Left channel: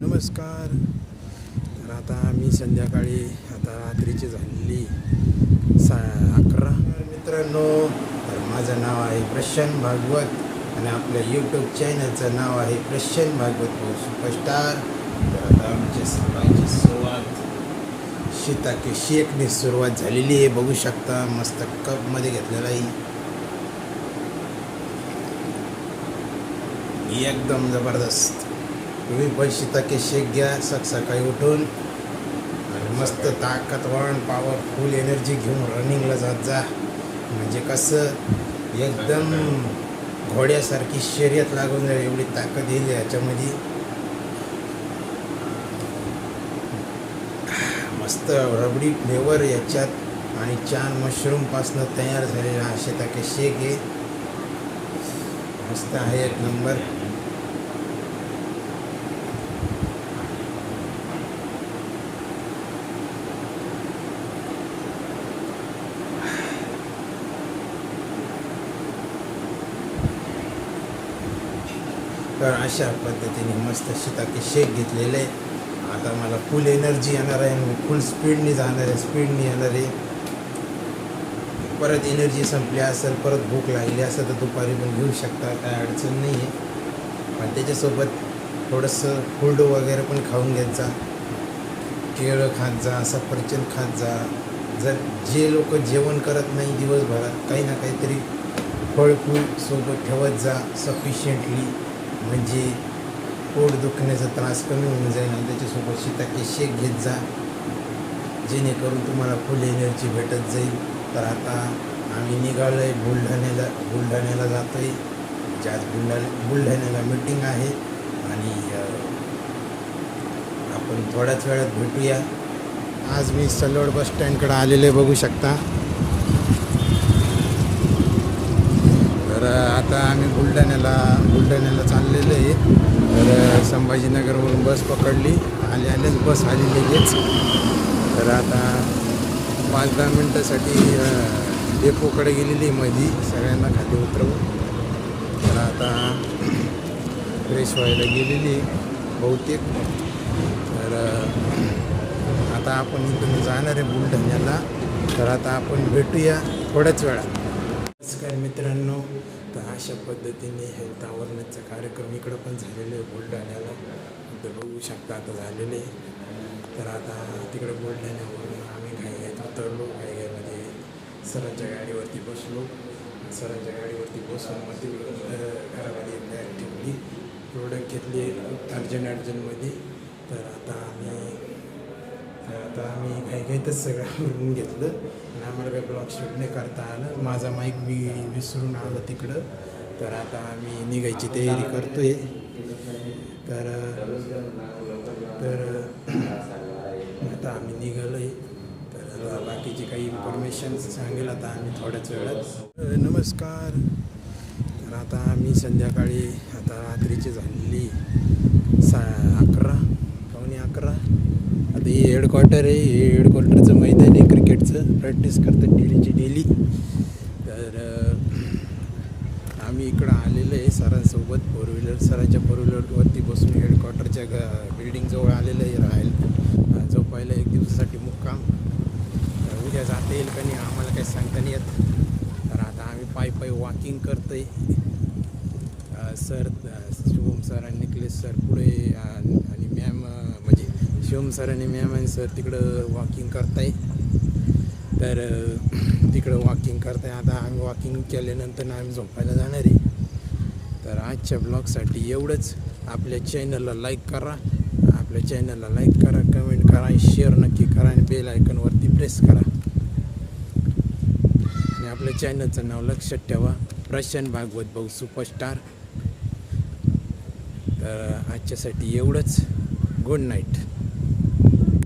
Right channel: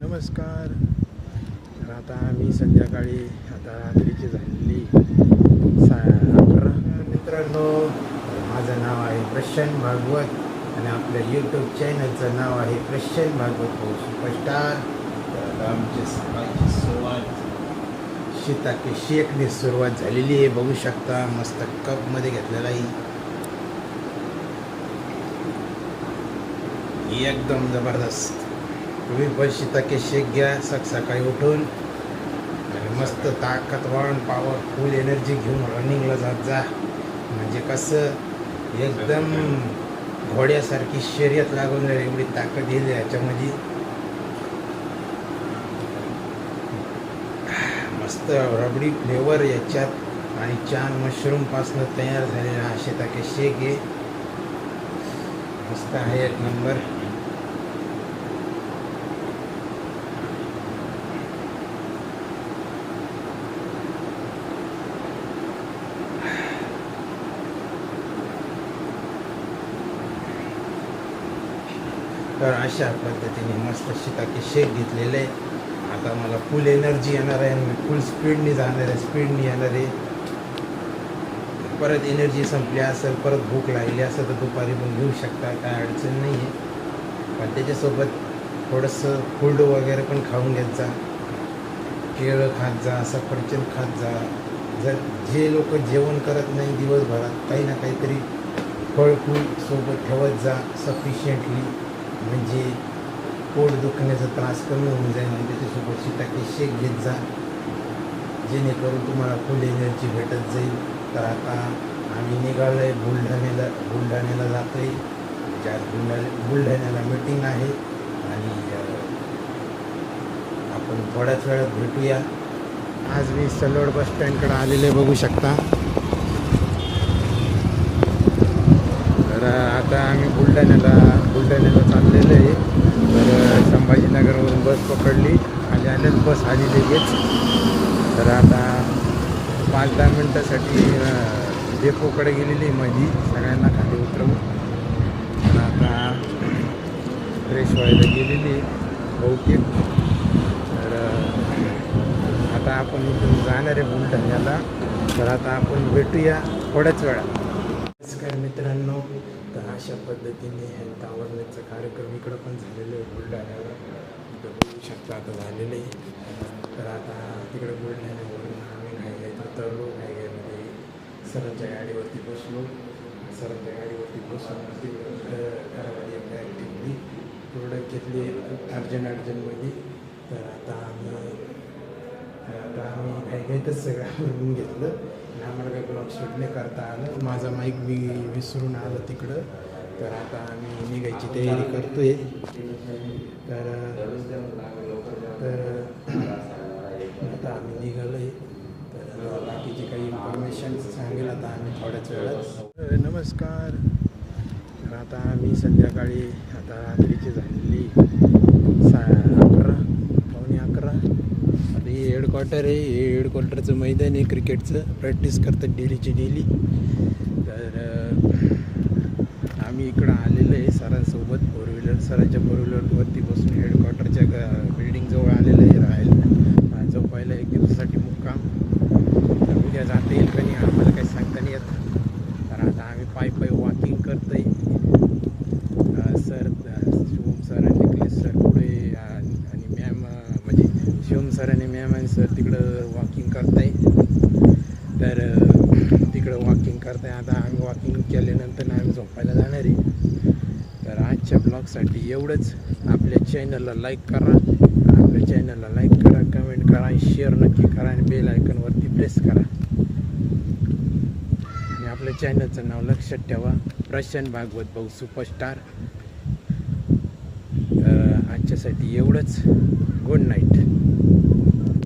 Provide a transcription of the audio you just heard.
नमस्कार. तर आता आम्ही संध्याकाळी आता रात्रीची झालेली 11:30. मित्रांनो, तर माझं नाव आहे प्रशांत भागवत आणि आपल्या यूट्यूब चॅनलचं नाव आहे प्रशांत भागवत सुपरस्टार. तर आता आमची सकाळची सुरुवात शीताके शेकने सुरुवात झालेली आहे. बघू शकता मस्त कपमध्ये घेतलेला आहे, एकदम जबरदस्त. तुम्ही पण शीताके शेक घ्या सकाळी उठून आणि मस्त ताकदवान पॉवरफुल एनर्जी घेऊन रनिंगला जात जा. म्हणजे कसं एकदम घोड्यासारखी शर्यत लागून जाईल, एवढी ताकद येईल याच्यामध्ये. मस्त रबडी फ्लेवर याच्यात आणि छान मशरूमपासनं तयार झालेला हा शीताके शेक आहे. मस्त आहे, एक नंबर. तर अशा पद्धतीने मस्त शीताके शेक घेतलेलं आहे. आता मला फुल एनर्जी येणार आहे, मी फुल स्पीडने जाणार आहे, स्पीडने येणार आहे. परत एनर्जी संपली असेल, परत भूक लागली असेल तर दुपारी पण घेऊ शकता, काय अडचण नाही आहे. पण त्याच्यासोबत थोडंसं फूड वगैरे पण खाऊन घेत जा, केळं खात जा, सफरचंद खात जा. जर जे लोक जेवण करत नाही दिवसभरात, काही ना काहीतरी फळ फूल सोबत ठेवत जा सफिशियंटली, म्हणजे पोट दुखण्याचा त्रास कमी होऊन जाईल. आणि त्याच्यासोबत शीताके शेक घेत जा, जेणेकरून तुम्हाला फुल एनर्जी भेटत जाईल. तर आता आम्ही निघालो आहे बुलढाण्याला जातो आहे. म्हणजे आज बुलढाण्याला मीटिंग आहे आणि आपण थोड्याच वेळात भेटूया. आज मी सलोड बस स्टँडकडे आलेले बघू शकता. तर आता आम्ही बुलढाण्याला चाललेलो आहे. तर संभाजीनगरवरून बस पकडली, आल्याच बस आली लगेच. तर आता 5-10 मिनटासाठी डेपोकडे गेलेली माझी, सगळ्यांना खाली उतरवून. तर आता फ्रेश व्हायला गेलेली बहुतेक. तर आता आपण इथून जाणार आहे बुलढाण्याला. तर आता आपण भेटूया थोड्याच वेळात. नमस्कार मित्रांनो. तर अशा पद्धतीने हेल्थ अवेअरनेसचा कार्यक्रम इकडं पण झालेलं आहे बुलढाण्याला. तर बघू शकता आता झालेलं आहे. तर आता तिकडे बुलढाण्यावरून आम्ही घाईघाईत उतरलो. घाईघाईमध्ये सरांच्या गाडीवरती बसलो. सरांच्या गाडीवरती बसून मग तिकडं घरामध्ये एक बॅग ठेवली, प्रोडक्ट घेतली अर्जंटमध्ये. तर आता आम्ही घाईघाईतच सगळं आवरून घेतलं आणि आम्हाला काही ब्लॉग शूट नाही करता आलं. माझा माईक विसरून आलं तिकडं. तर आता आम्ही निघायची तयारी करतो आहे. तर आता आम्ही निघालो आहे. तर आता बाकीची काही इन्फॉर्मेशन सांगेल आता आम्ही थोड्याच वेळात. नमस्कार. तर आता आम्ही संध्याकाळी आता रात्रीची झालेली 11:00, पावणे 11. आता हे हेडक्वार्टर आहे, हे हेडक्वार्टरचं मैदान आहे क्रिकेटचं. प्रॅक्टिस करतात डेली. तर आम्ही इकडं आलेलो आहे सरांसोबत सरांच्या फोर व्हीलरवरती बसून हेडक्वार्टरच्या बिल्डिंगजवळ आलेलं आहे राहायला, झोपायला 1 दिवसासाठी मुक्काम. तर उद्या जाता येईल का नाही आम्हाला काही सांगता नाही येत. तर आता आम्ही पायी वॉकिंग करतो आहे. शिवम सर आणि निखिलेश सर पुढे आणि मॅम, म्हणजे शिवम सर आणि मॅम आणि सर तिकडं वॉकिंग करताय. तर तिकडं वॉकिंग करताय. आता आम्ही वॉकिंग केल्यानंतर आम्ही झोपायला जाणार आहे. तर आजच्या ब्लॉगसाठी एवढंच. आपल्या चॅनलला लाईक करा, कमेंट करा आणि शेअर नक्की करा आणि बेल आयकॉनवरती प्रेस करा. आणि आपल्या चॅनलचं नाव लक्षात ठेवा, प्रशांत भागवत भाऊ सुपरस्टार. तर आजच्यासाठी एवढंच. Good night.